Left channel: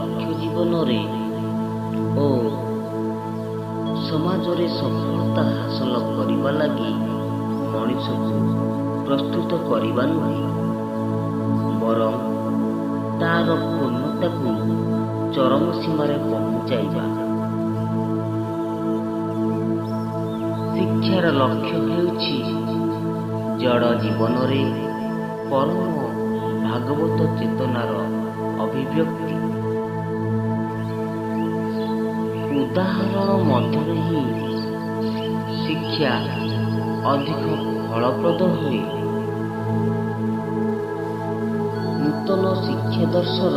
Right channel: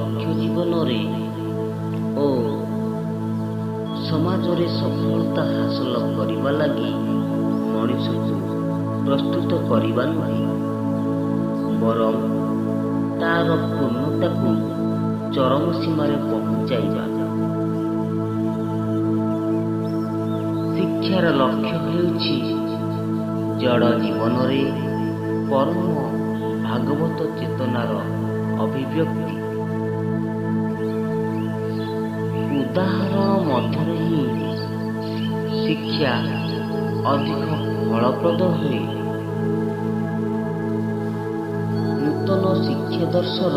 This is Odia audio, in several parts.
ଲକ୍ଷ୍ୟ ଜୀବନରେ ଓ ସମାଜରେ ସଫଳତା ହାସଲ କରିବା ଲାଗି ମଣିଷକୁ ପ୍ରସ୍ତୁତ କରିବା ନୁହେଁ, ବରଂ ତାର ପୂର୍ଣ୍ଣତାକୁ ଚରମ ସୀମାରେ ପହଞ୍ଚାଇବା। ଶିକ୍ଷାର ଲକ୍ଷ୍ୟ ହେଉଛି ଜଡ଼ ଜୀବନରେ ପରମ ଭାଗବତ ଚେତନାର ଅଭିବ୍ୟକ୍ତି। ଉଦାହରଣ ମଧ୍ୟରେ ହିଁ ଶିକ୍ଷା ଅଧିକ ଫଳପ୍ରଦ ହୁଏ। ନୂତନ ଶିକ୍ଷାଦର୍ଶର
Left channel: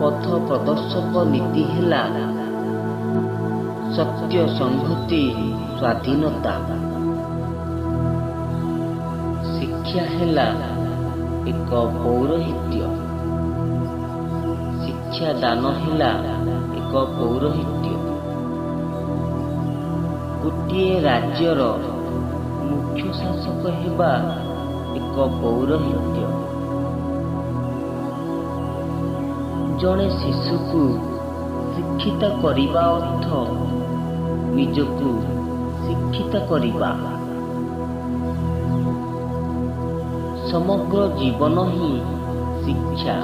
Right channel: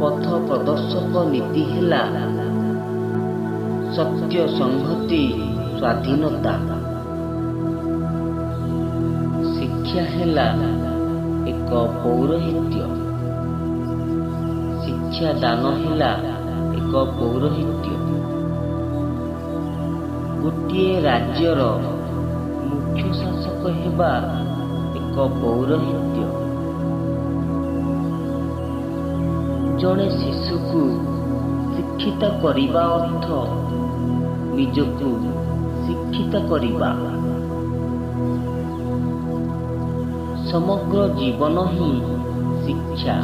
ପଥ ପ୍ରଦର୍ଶକ ନୀତି ହେଲା ସତ୍ୟ, ସଂହତି, ସ୍ୱାଧୀନତା। ଶିକ୍ଷା ହେଲା ଏକ ପୌରୋହିତ୍ୟ। ଶିକ୍ଷାଦାନ ହେଲା ଏକ ପୌରୋହିତ୍ୟ। ଗୋଟିଏ ରାଜ୍ୟର ମୁଖ୍ୟ ଶାସକ ହେବା ଏକ ପୌରୋହିତ୍ୟ। ଜଣେ ଶିଶୁକୁ ଶିକ୍ଷିତ କରିବା ଅର୍ଥ ନିଜକୁ ଶିକ୍ଷିତ କରିବା। ସମଗ୍ର ଜୀବନ ହିଁ ଶିକ୍ଷା।